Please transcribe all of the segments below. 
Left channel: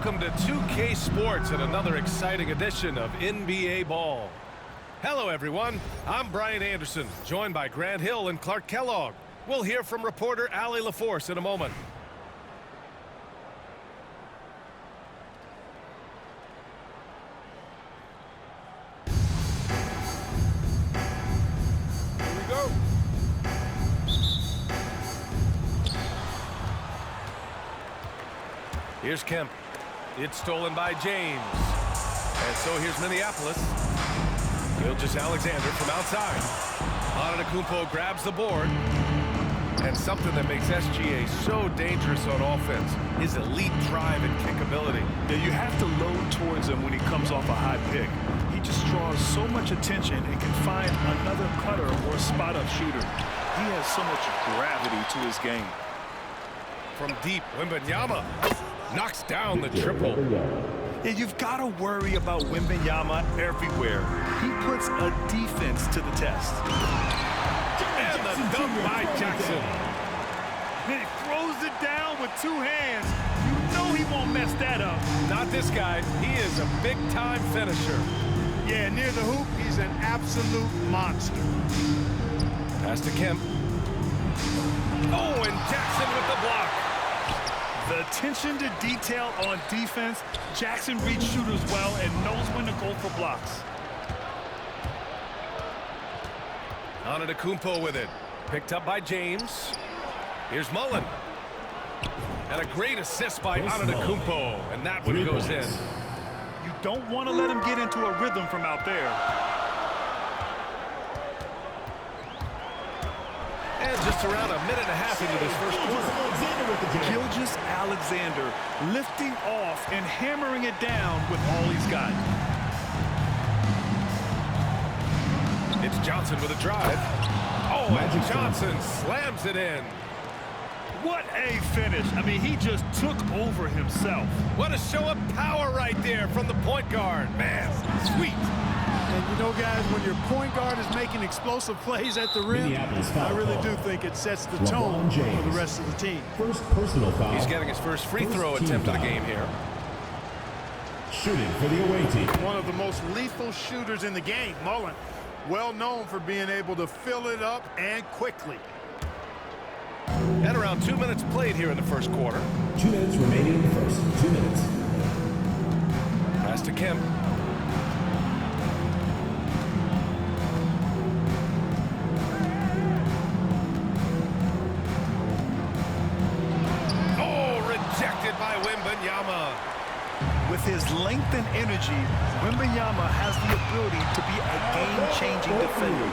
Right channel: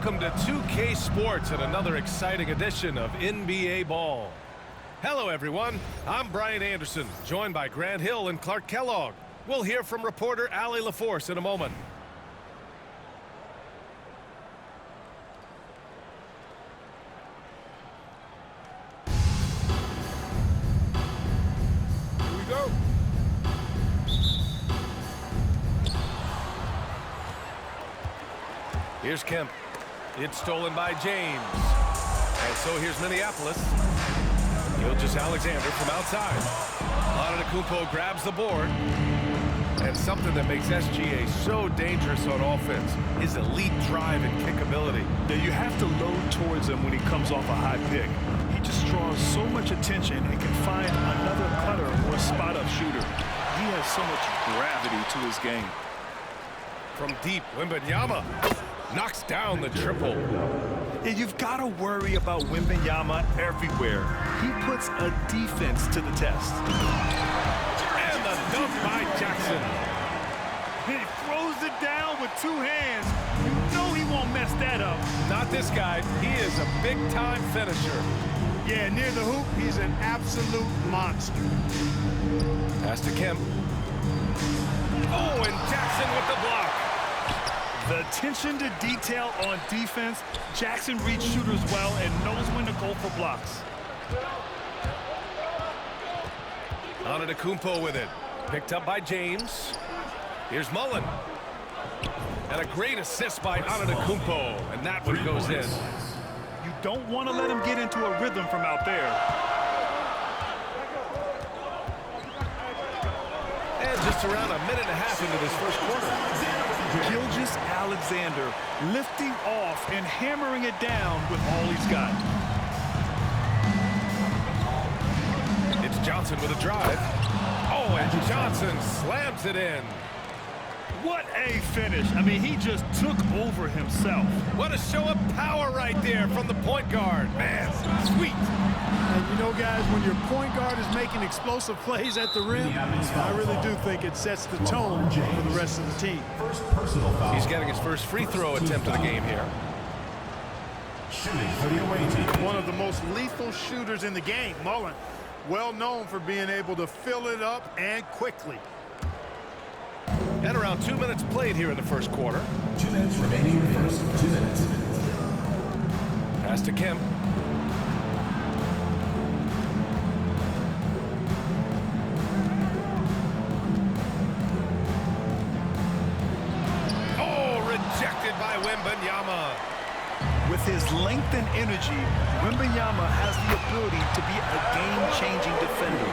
Welcome to 2K Sports and another exciting edition of NBA Ball. Hello, everyone. I'm Brian Anderson, joined by Grant Hill and Clark Kellogg. We'll hear from reporter Allie LaForce in a moment. Here we go. Here's Kemp. It's stolen by James. And so here's Minneapolis. Gilgeous-Alexander from outside. Antetokounmpo grabs the board. And something that makes SGA so dangerous on offense is elite drive and kick ability. Yeah, you have to load towards him when he comes off a high pick. He just draws so much attention and can find another cutter or a spot-up shooter. He has so much gravity to his game. From deep, Wembanyama knocks down the triple. Yeah, you've got to worry about Wembanyama everywhere. He puts a defense to the test. And the dunk by Jackson. He throws it down with two hands. You know he won't mess that up. Not this guy. He is a big-time finisher. Yeah, near the hoop, he's an absolute monster. Pass to Kemp. Oh, and Jackson with the block. The attention to detail on defense. Jackson reads shooters well and knows when to go for blocks. Antetokounmpo with it. Picked up by James. Here's Mullen. And a great assist by Antetokounmpo. And that one goes in. You don't want to let him get into a rhythm from out there. And just around a minute and a half into this first quarter. Gilgeous-Alexander lifting off and hammering it down with all he's got. It's Johnson with a drive. Oh, and Johnson slams it in. What a finish. I mean, he just took over himself. What a show of power right there from the point guard. Man, sweet. And you know, guys, when your point guard is making explosive plays at the rim, I really do think it sets the tone for the rest of the team. First personal foul. He's getting his first free throw attempt of the game here. Shooting for the away team. One of the most lethal shooters in the game, Mullen. Well known for being able to fill it up and quickly. And around 2 minutes played here in the first quarter. 2 minutes remaining in the first. 2 minutes. Pass to Kemp. Oh, rejected by Wembanyama. With his length and energy, Wembanyama has the ability to be a game-changing defender.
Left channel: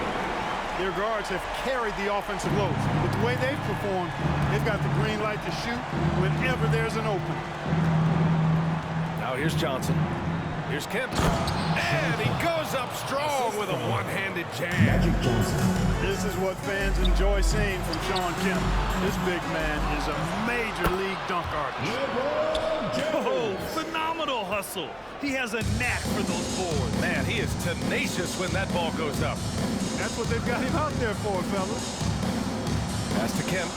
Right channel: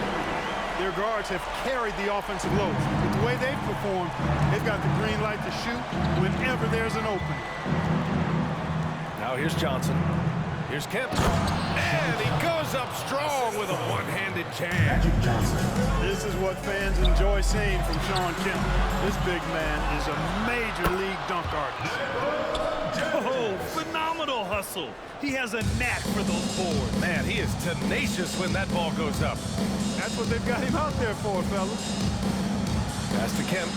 Their guards have carried the offensive load. With the way they've performed, they've got the green light to shoot whenever there's an opening. Now here's Johnson. Here's Kemp. And he goes up strong with a one-handed jam. This is what fans enjoy seeing from Shawn Kemp. This big man is a major league dunk artist. Oh, phenomenal hustle. He has a knack for those boards. Man, he is tenacious when that ball goes up. That's what they've got him out there for, fellas. Pass to Kemp.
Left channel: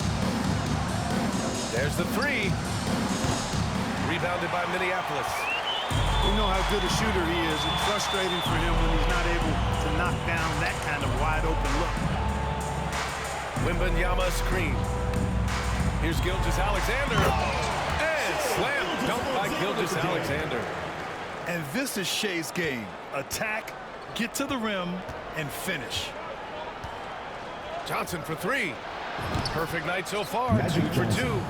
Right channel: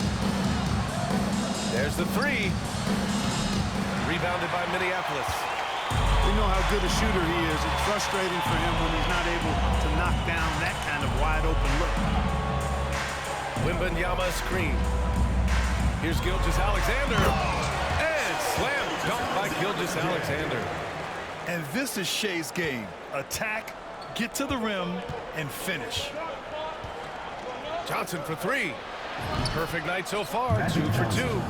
There's the three. Rebounded by Minneapolis. We know how good a shooter he is. It's frustrating for him when he's not able to knock down that kind of wide-open look. Wembanyama screen. Here's Gilgeous-Alexander. And slam dunk by Gilgeous-Alexander. And this is Shea's game. Attack, get to the rim, and finish. Johnson for three. Perfect night so far. 2 for 2.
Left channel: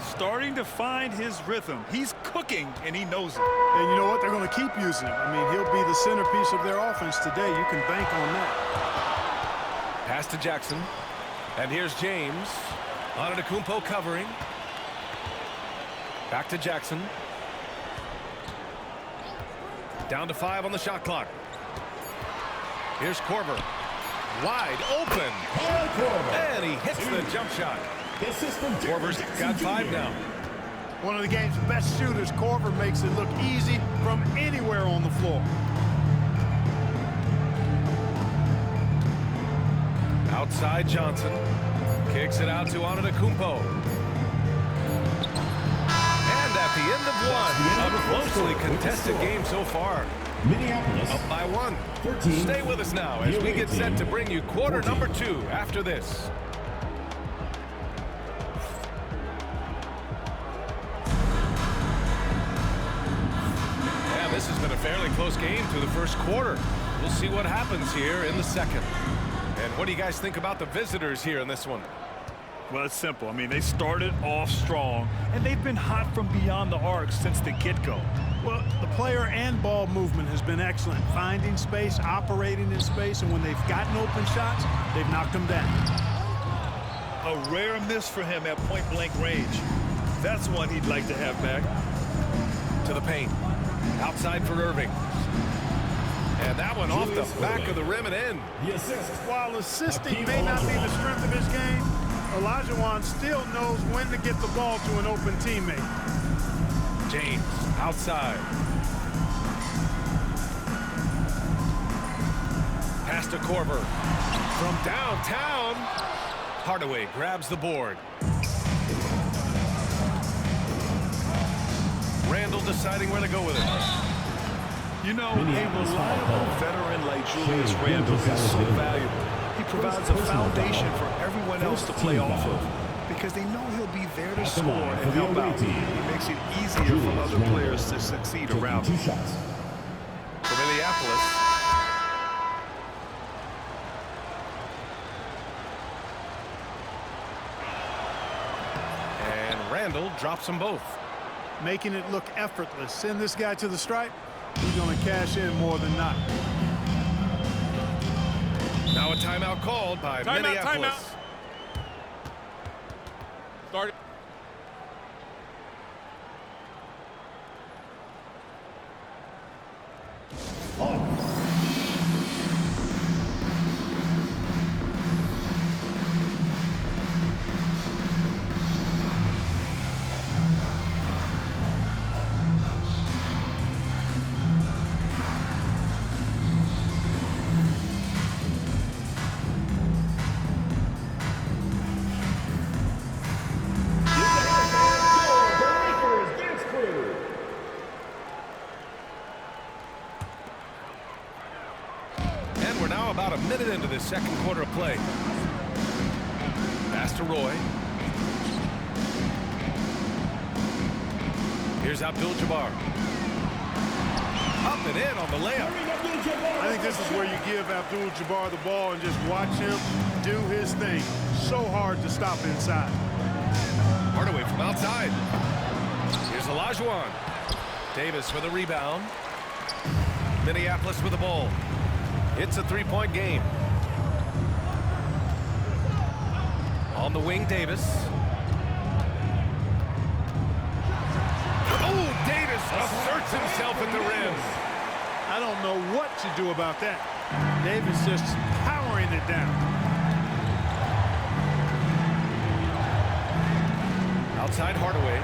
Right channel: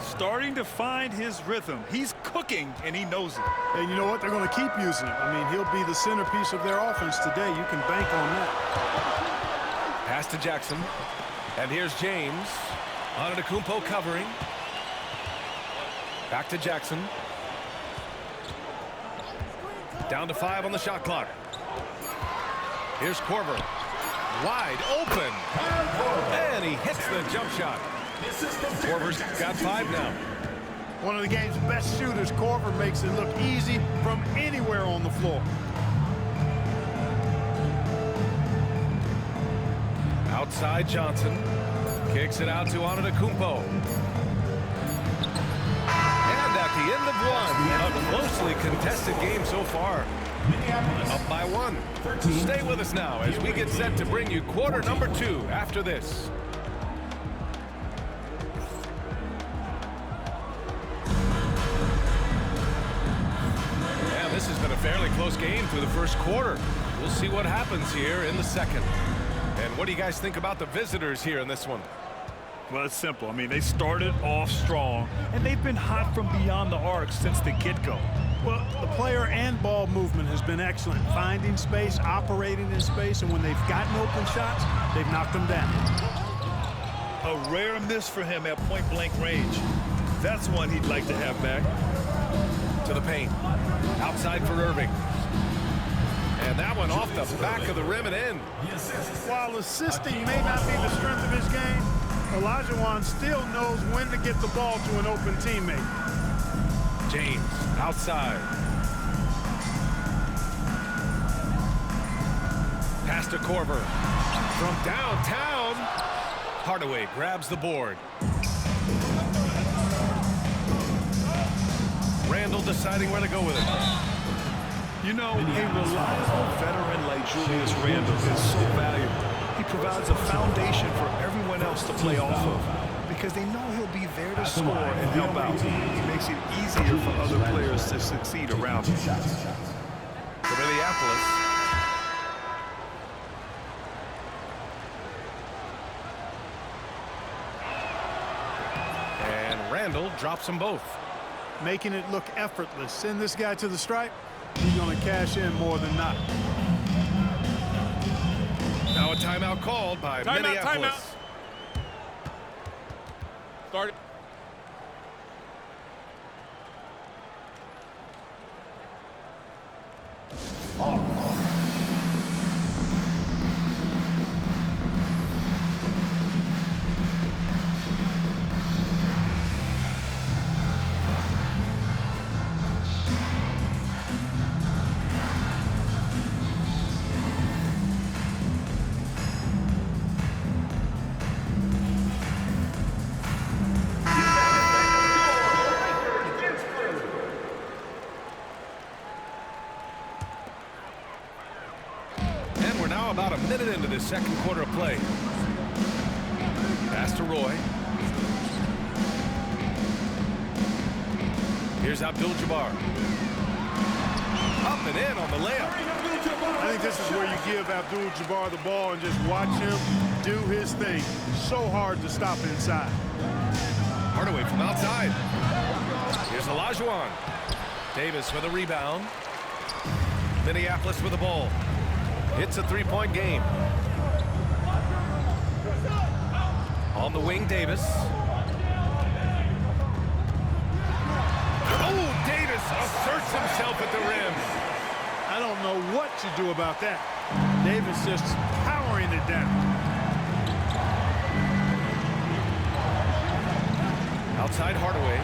Starting to find his rhythm. He's cooking, and he knows it. And you know what? They're going to keep using him. I mean, he'll be the centerpiece of their offense today. You can bank on that. Pass to Jackson. And here's James. Antetokounmpo covering. Back to Jackson. Down to 5 on the shot clock. Here's Korver. Wide open. And he hits the jump shot. Korver's got 5 now. One of the game's best shooters, Korver, makes it look easy from anywhere on the floor. Outside Johnson. Kicks it out to Antetokounmpo. And that the end of one. A closely contested game so far. Minneapolis Up by 1. 13. Stay with us now as we get set to bring you quarter number 2 after this. And this has been a fairly close game through the first quarter. We'll see what happens here in the second. And what do you guys think about the visitors here in this one? Well, it's simple. I mean, they started off strong, and they've been hot from beyond the arc since the get-go. Well, the player and ball movement has been excellent. Finding space, operating in space, and when they've gotten open shots, they've knocked them down. A rare miss for him at point-blank range. That's one he'd like to have back. To the paint. Outside for Irving. And that one off the back of the rim and in. While assisting may not be the strength of his game, Olajuwon still knows when to get the ball to an open teammate. James outside. Pass to Korver. From downtown. Hardaway grabs the board. Randall deciding where to go with it. You know, a reliable veteran like Julius Randle is so valuable. He provides a foundation for everyone else to play off of because they know he'll be there to score and help out. He makes it easier for other players to succeed around him. For Minneapolis. And Randall drops them both. Making it look effortless. Send this guy to the stripe. He's going to cash in more than not. Now a timeout called by Minneapolis. Start it. We're now about a minute into this second quarter of play. Pass to Roy. Here's Abdul-Jabbar. Up and in on the layup. I think this is where you give Abdul-Jabbar the ball and just watch him do his thing. So hard to stop inside. Hardaway from outside. Here's Olajuwon. Davis with a rebound. Minneapolis with the ball. It's a three-point game. On the wing, Davis. Oh, Davis asserts himself at the rim. I don't know what you do about that. Davis just powering it down. Outside Hardaway.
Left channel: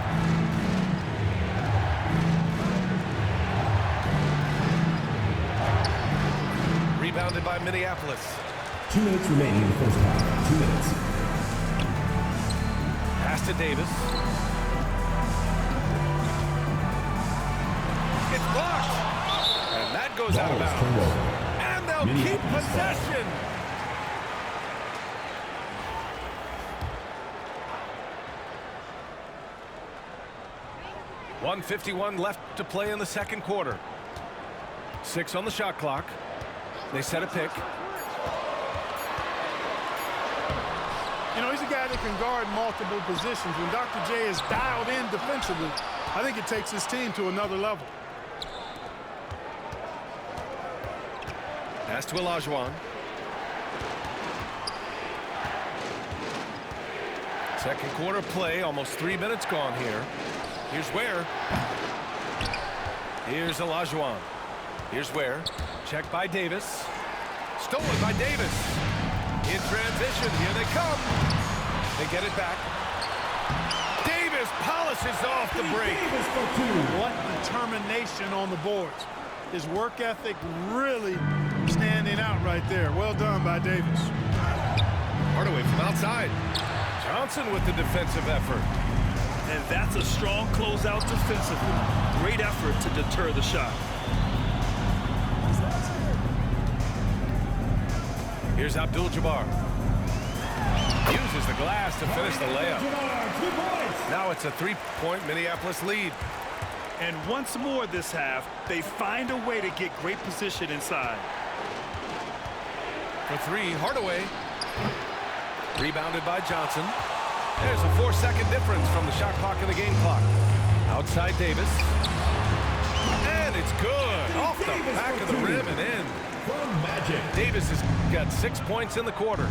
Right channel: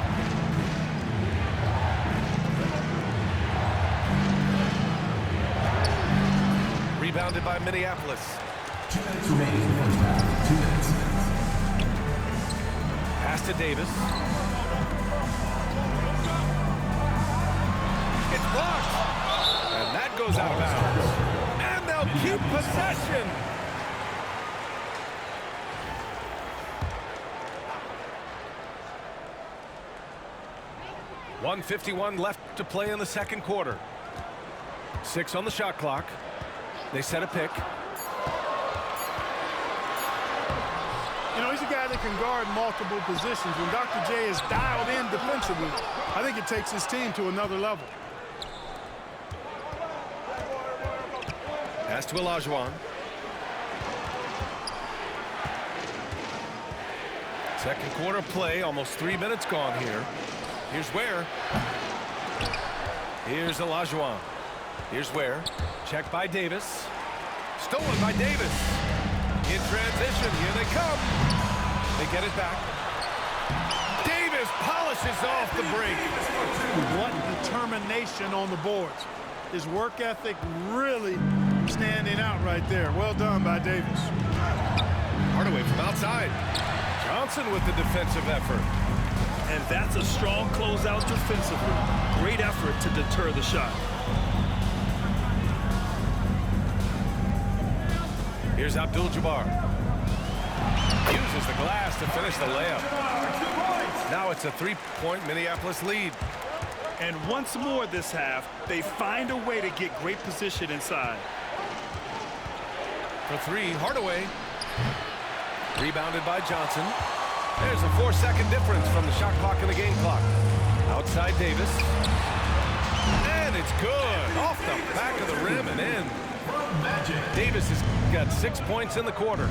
Rebounded by Minneapolis. 2 minutes remaining in the first half. 2 minutes. Pass to Davis. It's blocked. And that goes out of bounds. And they'll keep possession. .151 left to play in the second quarter. 6 on the shot clock. They set a pick. You know, he's a guy that can guard multiple positions. When Dr. J is dialed in defensively, I think it takes his team to another level. Pass to Olajuwon. Second quarter play, almost 3 minutes gone here. Here's Ware. Here's Olajuwon. Here's Ware. Checked by Davis. Stolen by Davis. In transition, here they come. They get it back. Davis polishes off the break. What determination on the boards. His work ethic really standing out right there. Well done by Davis. Hardaway from outside. Johnson with the defensive effort. And that's a strong closeout defensively. Great effort to deter the shot. Here's Abdul-Jabbar. Uses the glass to finish the layup. Now it's a three-point Minneapolis lead. And once more this half, they find a way to get great position inside. For three, Hardaway. Rebounded by Johnson. There's a 4-second difference from the shot clock and the game clock. Outside Davis. And it's good. Off the back of the rim and in. Davis has got 6 points in the quarter.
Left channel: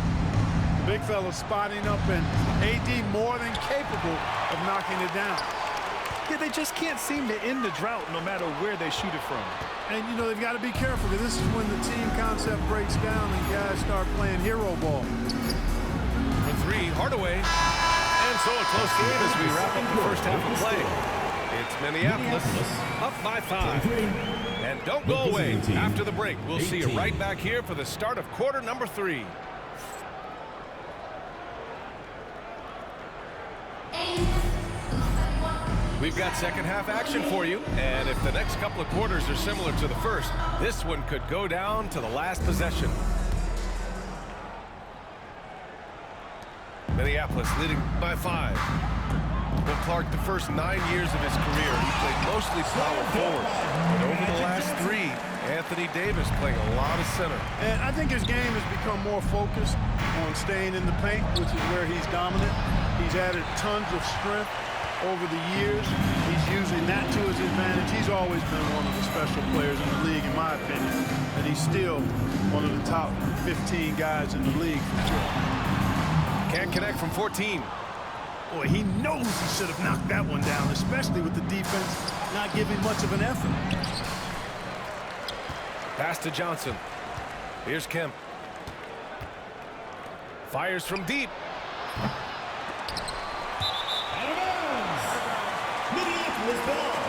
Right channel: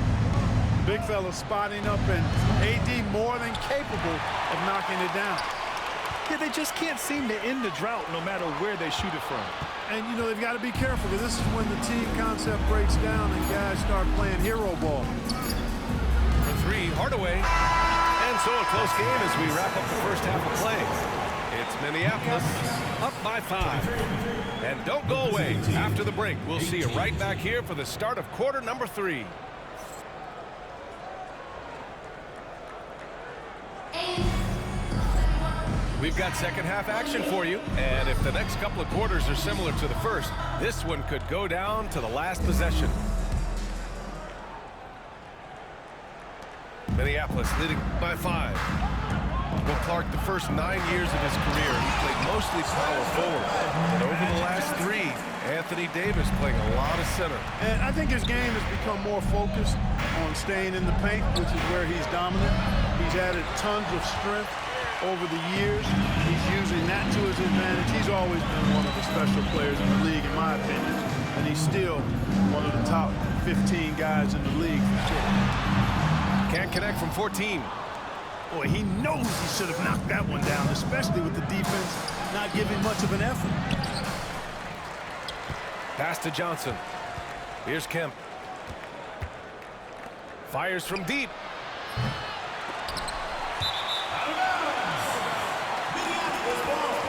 The big fella spotting up, and AD more than capable of knocking it down. Yeah, they just can't seem to end the drought no matter where they shoot it from. And, you know, they've got to be careful, because this is when the team concept breaks down and guys start playing hero ball. For three, Hardaway. And so a close game as we wrap up the first half of play. It's Minneapolis up by 5. And don't go away. After the break, we'll see you right back here for the start of quarter number 3. We've got second half action for you, and if the next couple of quarters are similar to the first, this one could go down to the last possession. Minneapolis leading by 5. Well, Clark, the first 9 years of his career, he played mostly power forward, but over the last 3, Anthony Davis playing a lot of center. And I think his game has become more focused on staying in the paint, which is where he's dominant. He's added tons of strength over the years. He's using that to his advantage. He's always been one of the special players in the league, in my opinion, and he's still one of the top 15 guys in the league for sure. Can't connect from 14. Boy, he knows he should have knocked that one down, especially with the defense not giving much of an effort. Pass to Johnson. Here's Kemp. Fires from deep. Out of bounds. Minneapolis ball.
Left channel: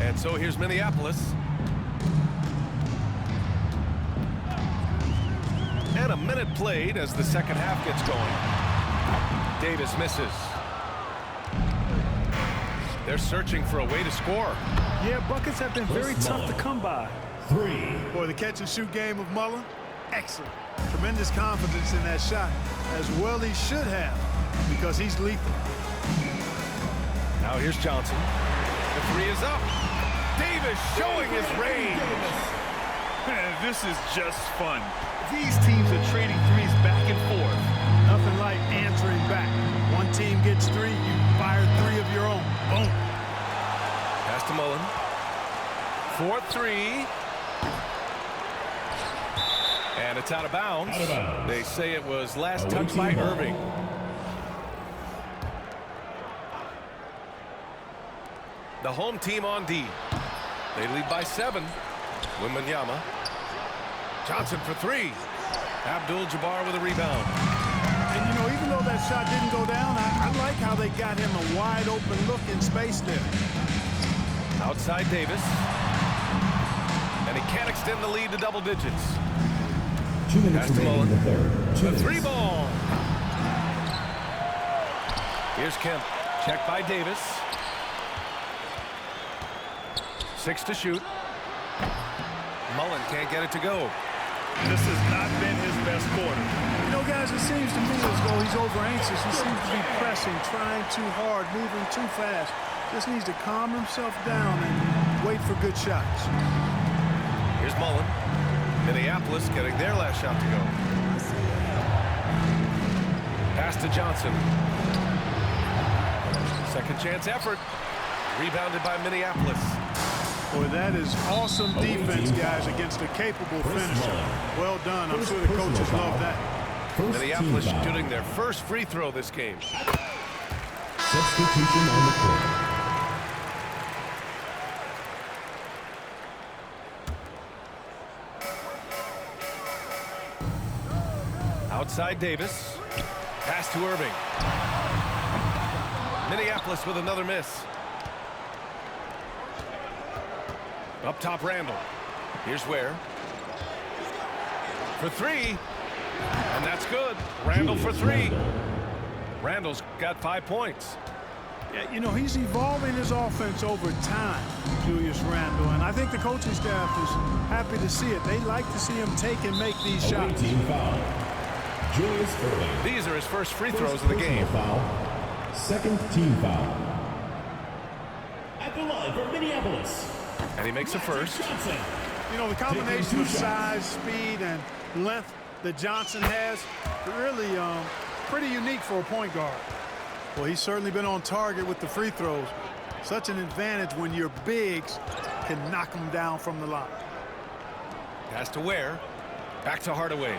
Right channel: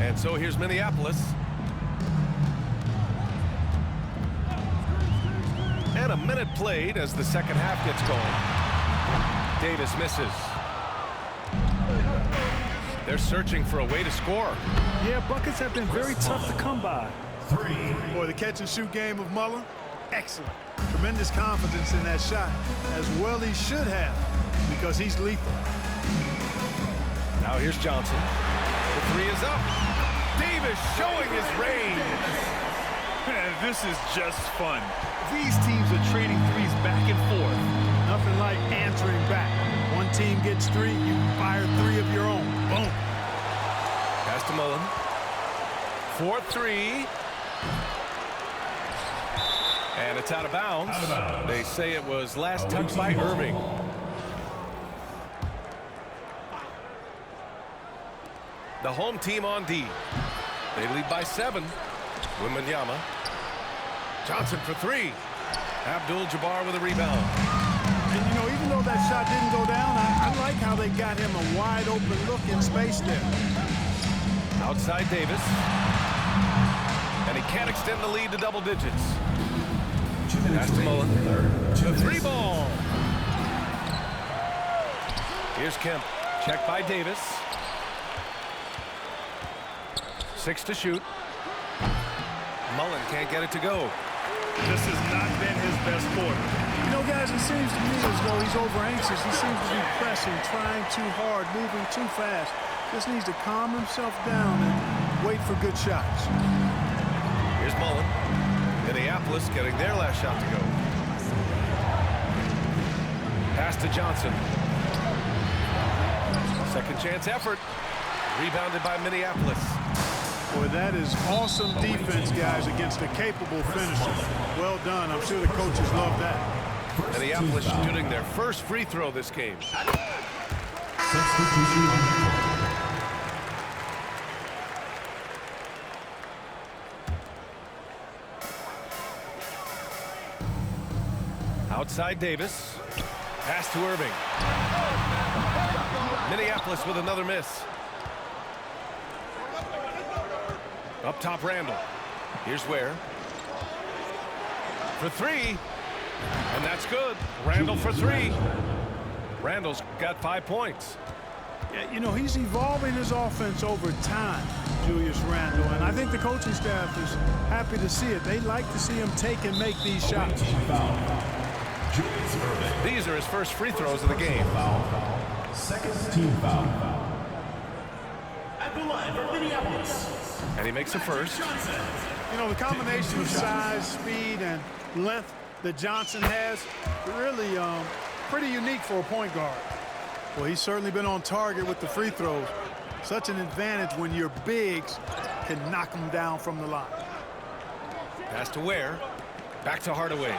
And so here's Minneapolis. And a minute played as the second half gets going. Davis misses. They're searching for a way to score. Yeah, buckets have been very tough to come by. 3. Boy, the catch-and-shoot game of Mullen, excellent. Tremendous confidence in that shot, as well he should have, because he's lethal. Now here's Johnson. The 3 is up. Davis showing his range. This is just fun. These teams are trading threes back and forth. Nothing like answering back. One team gets 3, you fire 3 of your own. Boom. Pass to Mullen. 4-3. And it's out of bounds. They say it was last touched by Irving. The home team on D. They lead by 7. Wembanyama. Johnson for 3. Abdul-Jabbar with a rebound. And, you know, even though that shot didn't go down, I like how they got him a wide-open look in space there. Outside Davis. And he can't extend the lead to double digits. 2 minutes Pass to Mullen. remaining in the third. 2 The minutes. 3 ball. Here's Kemp. Checked by Davis. 6 to shoot. Mullen can't get it to go. This has not been his best quarter. You know, guys, it seems to me as though he's over-anxious. He seems to be pressing, trying too hard, moving too fast. Just needs to calm himself down and wait for good shots. Here's Mullen. Minneapolis getting their last shot to go. Pass to Johnson. Second chance effort. Rebounded by Minneapolis. Boy, that is awesome defense, guys, against a capable finisher. Well done. I'm sure the coaches love that. First Minneapolis team foul. shooting their first free throw this game. Substitution on the court. Outside Davis. Pass to Irving. Minneapolis with another miss. Up top, Randall. Here's Ware. for three. And that's good. Randall for three. Randall's got 5 points. Yeah, you know, he's evolving his offense over time, Julius Randle, and I think the coaching staff is happy to see it. They like to see him take and make these shots. Team foul. Julius Erving. These are his first free throws of the game. Foul. Second team foul. At the line for Minneapolis. And he makes the first. You know, the combination of size, speed, and length that Johnson has, really pretty unique for a point guard. Well, he's certainly been on target with the free throws. Such an advantage when your bigs can knock them down from the line. Pass to Ware. Back to Hardaway.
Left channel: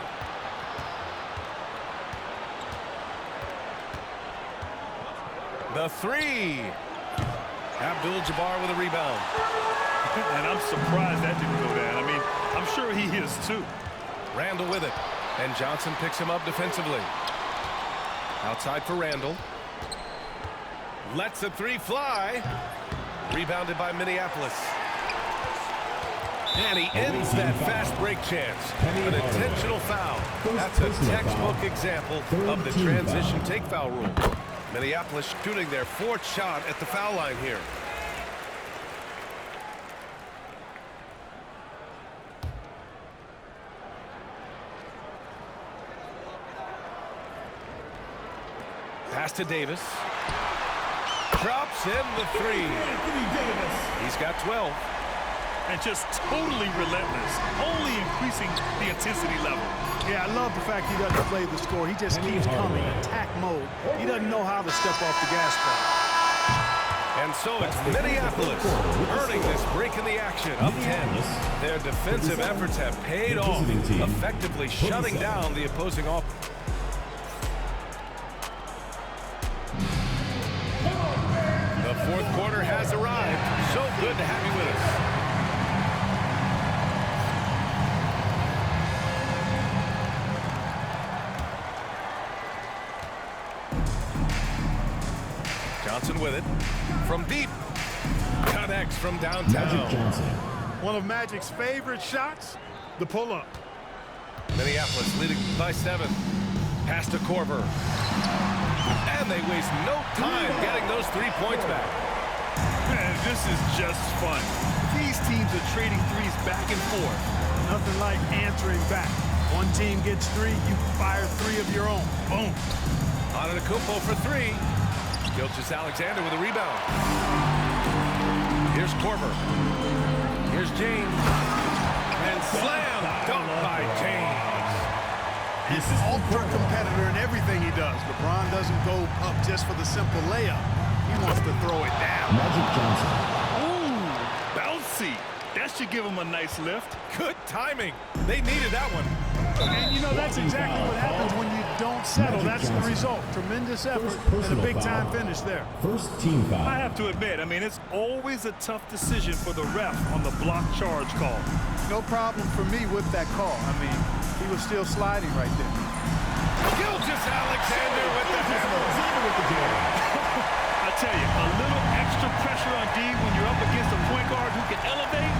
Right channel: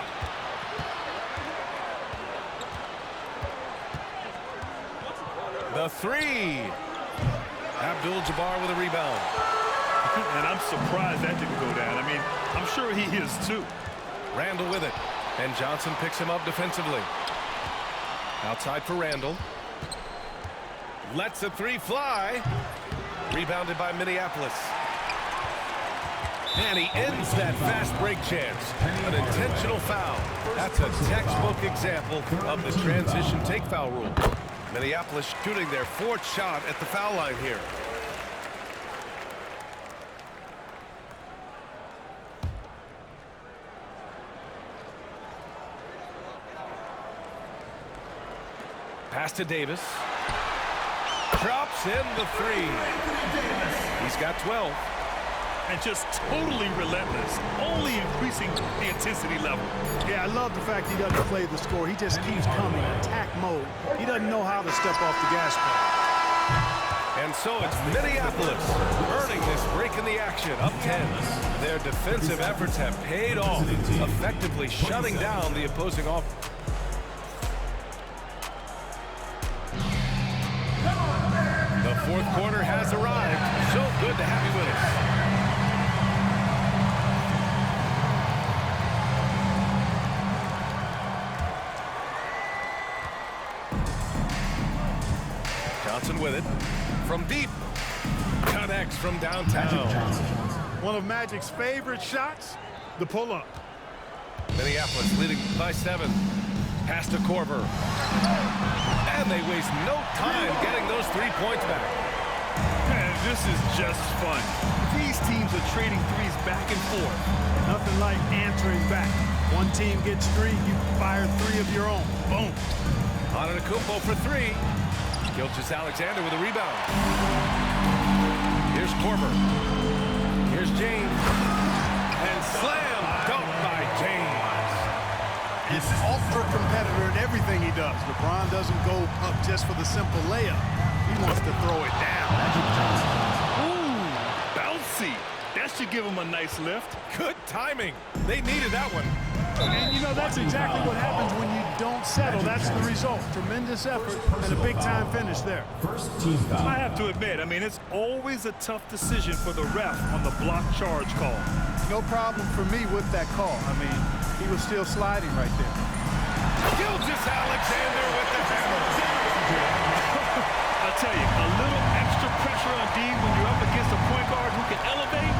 The three. Abdul-Jabbar with a rebound. And I'm surprised that didn't go down. I mean, I'm sure he is too. Randall with it. And Johnson picks him up defensively. Outside for Randall. Lets the three fly. Rebounded by Minneapolis. And he ends that fast break chance. An intentional foul. That's a textbook example of the transition take foul rule. Minneapolis shooting their 4th shot at the foul line here. Pass to Davis. Drops in the three. He's got 12. And just totally relentless, only increasing the intensity level. Yeah, I love the fact he doesn't play the score. He just keeps coming, attack mode. He doesn't know how to step off the gas pedal. And so it's Minneapolis earning this break in the action, up 10. Their defensive efforts have paid off, effectively shutting down the opposing offense. The 4th quarter has arrived. So good to have you with us. Johnson with it. From deep. Connects from downtown. One of Magic's favorite shots, the pull-up. Minneapolis leading by 7. Pass to Korver. And they waste no time getting those 3 points back. Man, this is just fun. These teams are trading threes back and forth. Nothing like answering back. One team gets 3, you fire 3 of your own. Boom. Antetokounmpo for 3. Gilgeous-Alexander with a rebound. Here's Korver. Here's James. And slam dunk by James. An ultra competitor in everything he does. LeBron doesn't go up just for the simple layup. He wants to throw it down. Ooh, bouncy. That should give him a nice lift. Good timing. They needed that one. And, you know, that's exactly what happens when you don't settle. That's the result. Tremendous effort and a big-time finish there. First team foul. I have to admit, I mean, it's always a tough decision for the ref on the block charge call. No problem for me with that call. I mean, he was still sliding right there. Gilgeous-Alexander with the hammer. I tell you, a little extra pressure on D when you're up against a point guard who can elevate.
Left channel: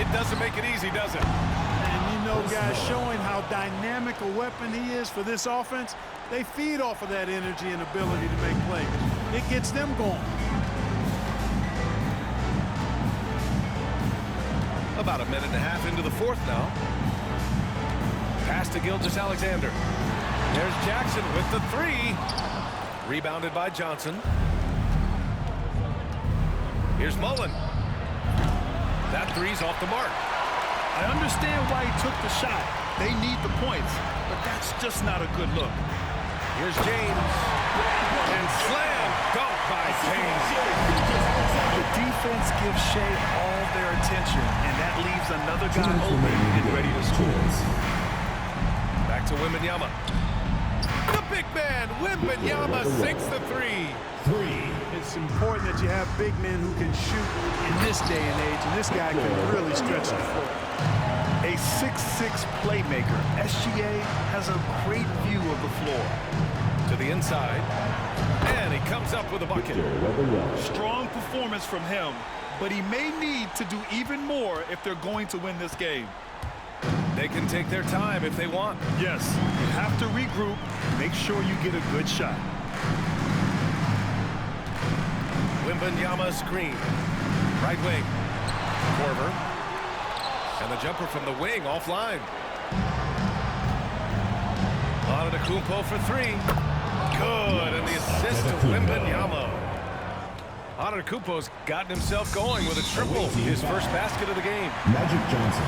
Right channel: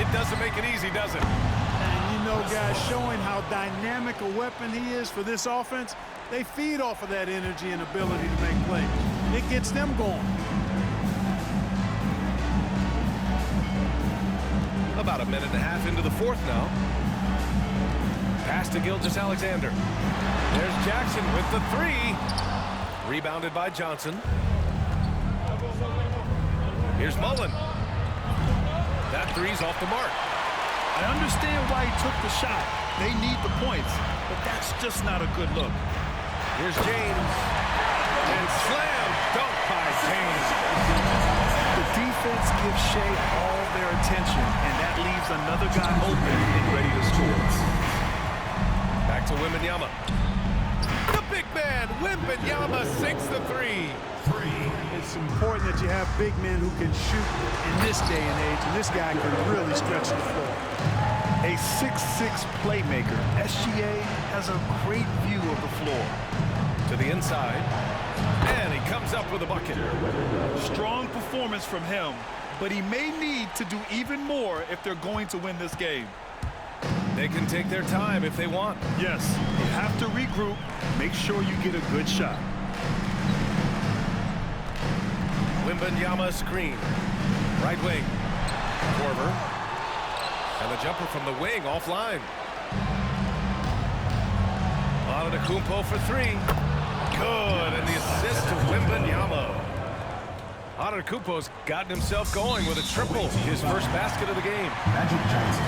It doesn't make it easy, does it? And, you know, guys, showing how dynamic a weapon he is for this offense, they feed off of that energy and ability to make plays. It gets them going. About a minute and a half into the 4th now. Pass to Gilgeous-Alexander. There's Jackson with the 3. Rebounded by Johnson. Here's Mullen. That 3's off the mark. I understand why he took the shot. They need the points, but that's just not a good look. Here's James. And slam dunk by James. The defense gives Shea all their attention, and that leaves another guy open and ready to score. Back to Wembanyama. The big man, Wembanyama, sinks the 3. It's important that you have big men who can shoot in this day and age, and this guy can really stretch the floor. A 6'6" playmaker, SGA has a great view of the floor. To the inside. And he comes up with a bucket. Strong performance from him, but he may need to do even more if they're going to win this game. They can take their time if they want. Yes, you have to regroup. Make sure you get a good shot. Wembanyama screen. Right wing. Korver. And the jumper from the wing offline. Antetokounmpo for three. Good, and the assist to Wembanyama. Antetokounmpo's gotten himself going with a triple, his first basket of the game. Magic Johnson.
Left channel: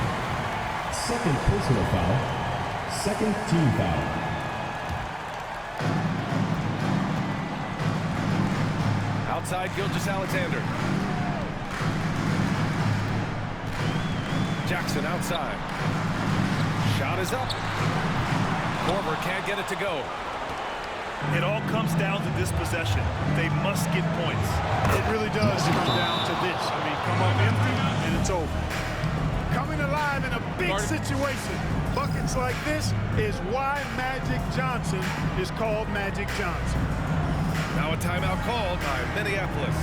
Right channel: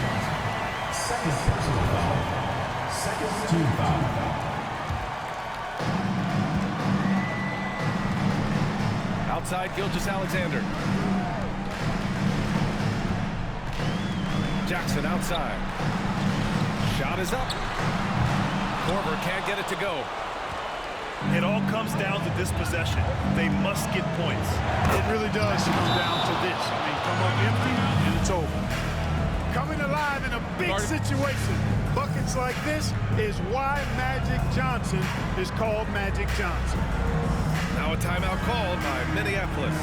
Second personal foul. Second team foul. Outside Gilgeous-Alexander. Jackson outside. Shot is up. Korver can't get it to go. It all comes down to this possession. They must get points. It really does come down to this. I mean, come up empty, and it's over. Coming alive in a big situation. Buckets like this is why Magic Johnson is called Magic Johnson. Now a timeout called by Minneapolis.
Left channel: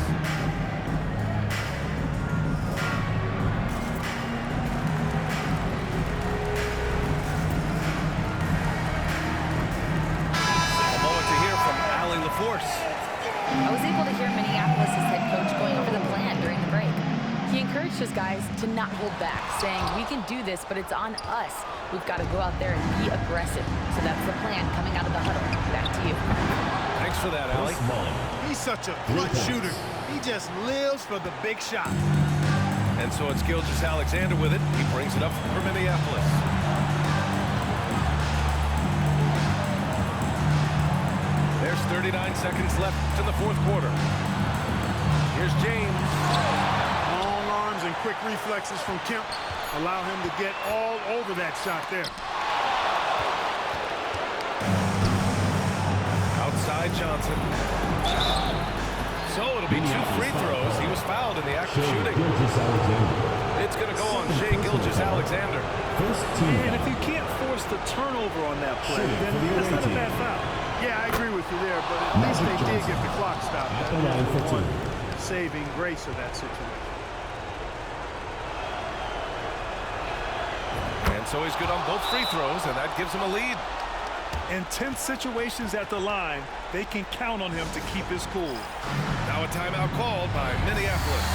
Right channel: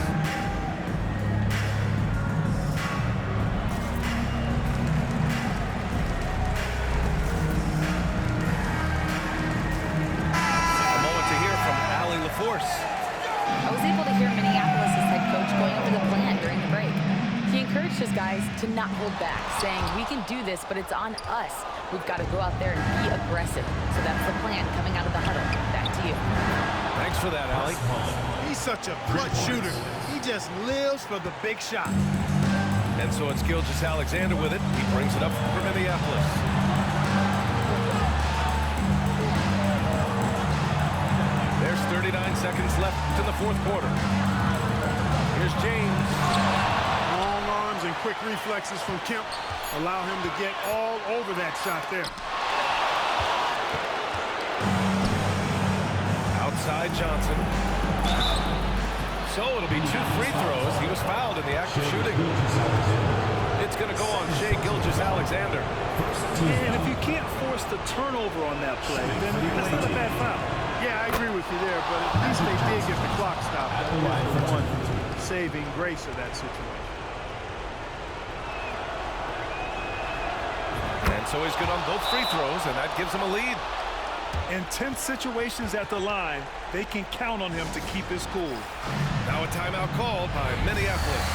A moment to hear from Allie LaForce. I was able to hear Minneapolis' head coach going over the plan during the break. He encouraged his guys to not hold back, saying, we can do this, but it's on us. We've got to go out there and be aggressive. So that's the plan coming out of the huddle. Back to you. Thanks for that, Allie. He's such a clutch shooter. He just lives for the big shot. And so it's Gilgeous-Alexander with it. He brings it up for Minneapolis. There's 39 seconds left in the fourth quarter. Here's James. Long arms and quick reflexes from Kemp allow him to get all over that shot there. Outside Johnson. So it'll be 2 free throws. He was fouled in the act of shooting. It's going to go on Shai Gilgeous-Alexander. And if you can't force the turnover on that play, then that's not a bad foul. Yeah, I agree with you there, but at least they did get the clock stopped. That was the one saving grace of that situation. And so he's good on both free throws, and that gives him a lead. In tense situations at the line, they can count on him to keep his cool. Now a timeout called by Minneapolis.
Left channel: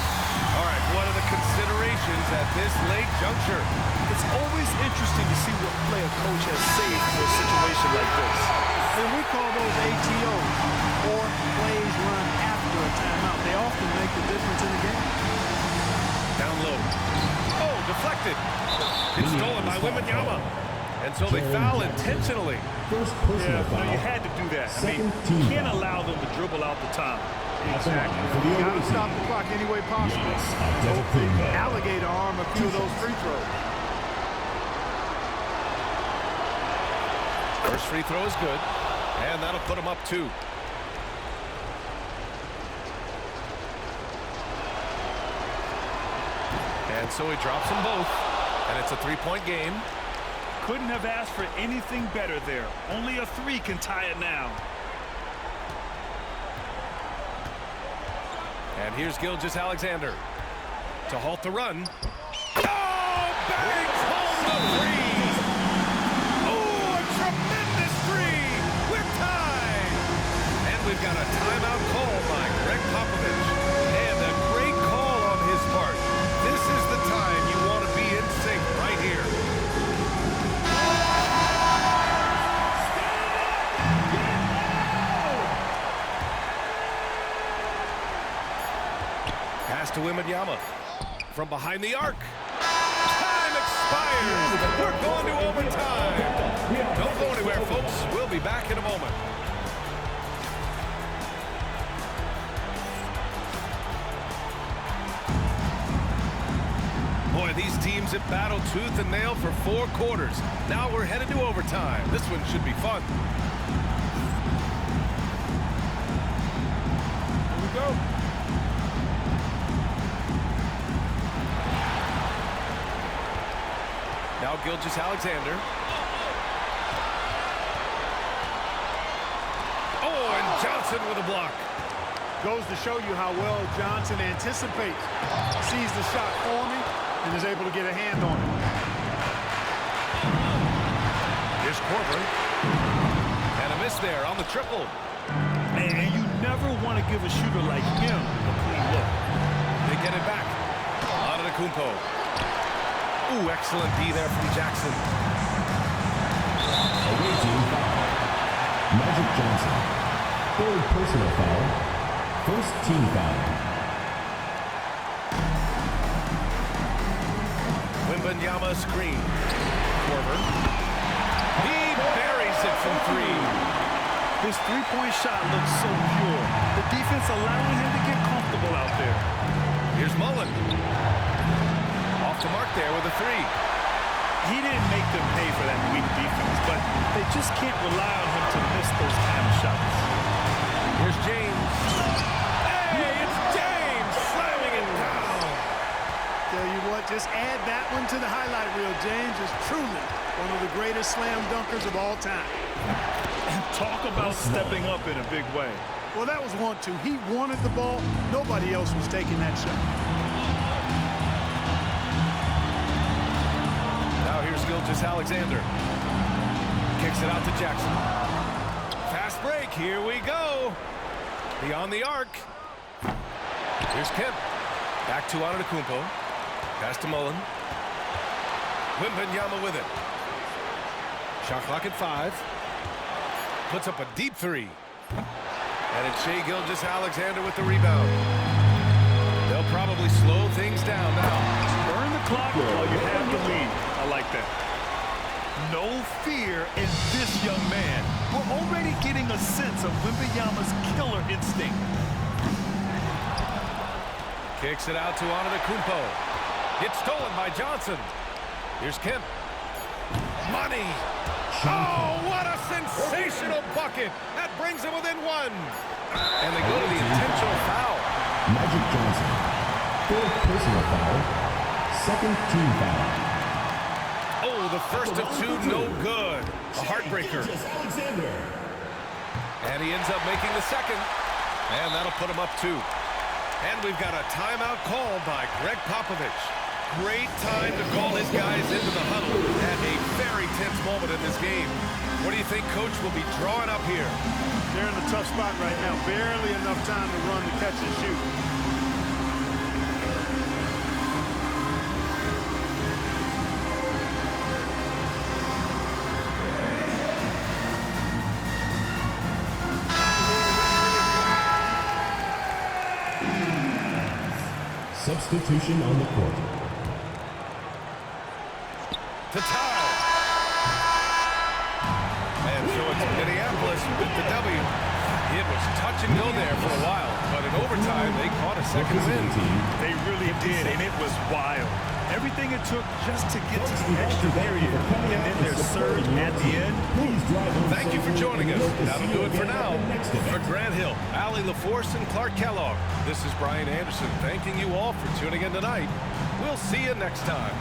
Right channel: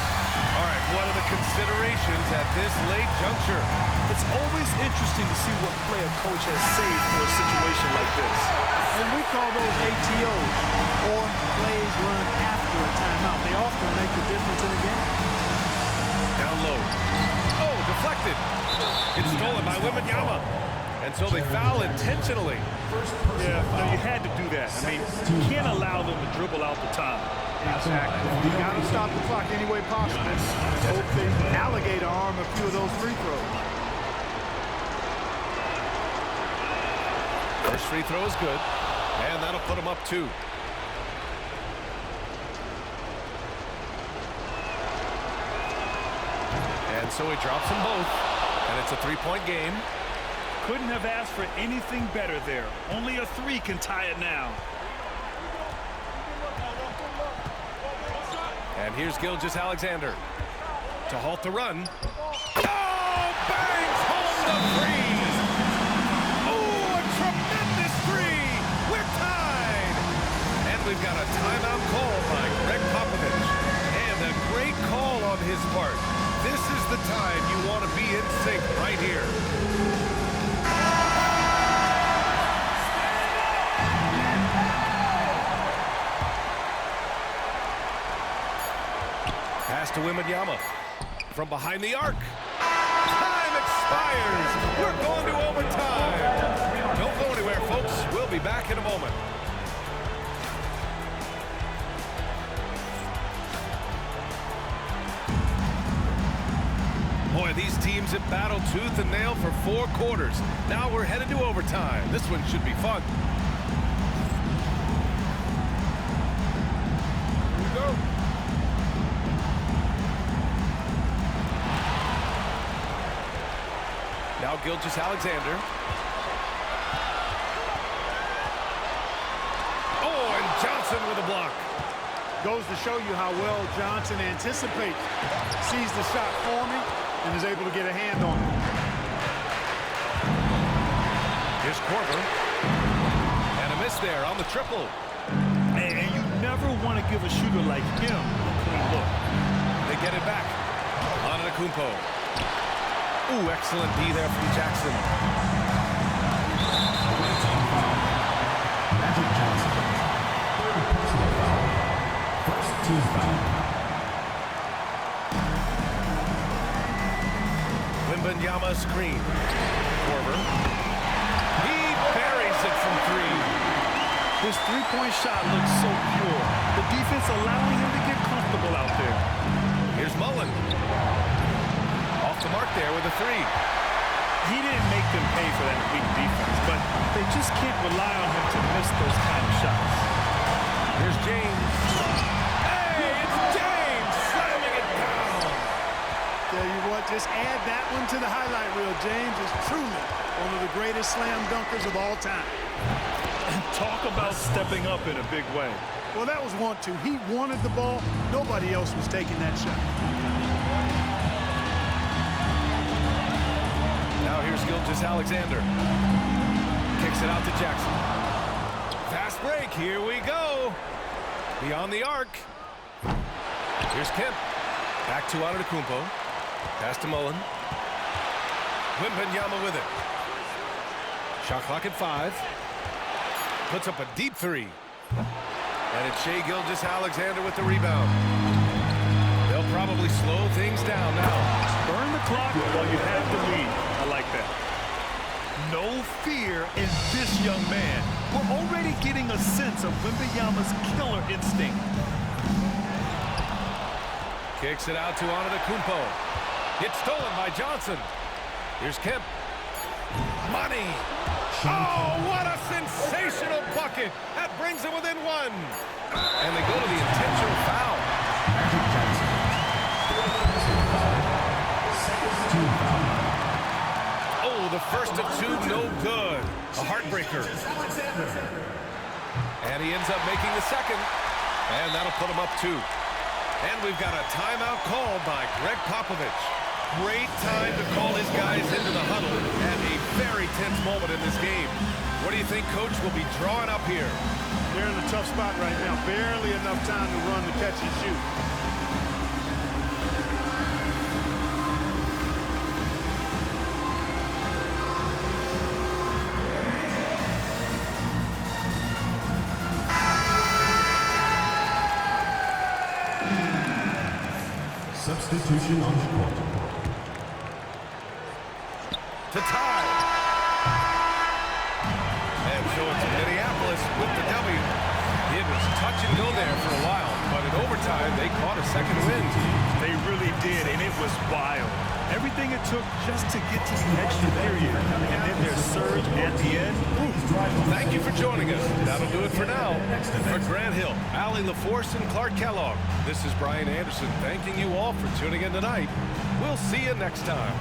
All right, what are the considerations at this late juncture? It's always interesting to see what play a coach has saved for a situation like this. And we call those ATOs, or plays run after a timeout. They often make the difference in the game. Down low. Oh, deflected. It's stolen by Wembanyama. And so they foul intentionally. Yeah, no, you had to do that. I mean, you can't allow them to dribble out the time. Exactly. You got to stop the clock any way possible and hope they alligator arm a few of those free throws. First free throw is good, and that'll put him up 2. And so he drops them both, and it's a 3-point game. Couldn't have asked for anything better there. Only a 3 can tie it now. And here's Gilgeous-Alexander to halt the run. Oh, bangs home the 3. Oh, a tremendous 3. We're tied. And we've got a timeout call by Greg Popovich. And a great call on his part. This is the time you want to be in sync right here. Pass to Wembanyama from behind the arc. Time expires. We're going to overtime. Don't go anywhere, folks. We'll be back in a moment. Boy, these teams have battled tooth and nail for 4 quarters. Now we're headed to overtime. This one should be fun. Here we go. Now Gilgeous-Alexander. Oh, and Johnson with a block. Goes to show you how well Johnson anticipates. Sees the shot forming and is able to get a hand on it. Here's Korver. And a miss there on the triple. And you never want to give a shooter like him a clean look. They get it back. Antetokounmpo. Ooh, excellent D there from Jackson. Away team foul. Magic Johnson. Third personal foul. First team foul. Wembanyama screen. Korver. He buries it from three. His three-point shot looks so pure. The defense allowing him to get comfortable out there. Here's Mullen. Off the mark there with a three. He didn't make them pay for that weak defense, but they just can't rely on him to miss those kind of shots. Here's James. Hey, it's James slamming it down. Tell you what, just add that one to the highlight reel. James is truly one of the greatest slam dunkers of all time. And talk about stepping up in a big way. Well, that was 1-2. He wanted the ball. Nobody else was taking that shot. Now here's Gilgeous-Alexander. Kicks it out to Jackson. Fast break. Here we go. Beyond the arc. Here's Kemp. Back to Antetokounmpo. Pass to Mullen. Wembanyama with it. Shot clock at 5. Puts up a deep three. And it's Shai Gilgeous-Alexander with the rebound. They'll probably slow things down now. Burn the clock while you have the lead. I like that. No fear in this young man. We're already getting a sense of Wembanyama's killer instinct. Kicks it out to Antetokounmpo. It's stolen by Johnson. Here's Kemp. Money. Oh, what a sensational bucket. That brings them within one. And they go to the intentional foul. Magic Johnson. Fourth personal foul. Second team foul. Oh, the first of two, no good. A heartbreaker. And he ends up making the second. And that'll put him up 2. And we've got a timeout called by Greg Popovich. Great time to call his guys into the huddle at a very tense moment in this game. What do you think Coach will be drawing up here? They're in a tough spot right now. Barely enough time to run the catch and shoot. Substitution on the court. To tie. And so it's Minneapolis with the W. It was touch and go there for a while, but in overtime, they caught a second win. They really did, and it was wild. Everything it took just to get to the extra period, and then their surge at the end. Thank you for joining us. That'll do it for now. For Grant Hill, Allie LaForce, and Clark Kellogg, this is Brian Anderson thanking you all for tuning in tonight. We'll see you next time.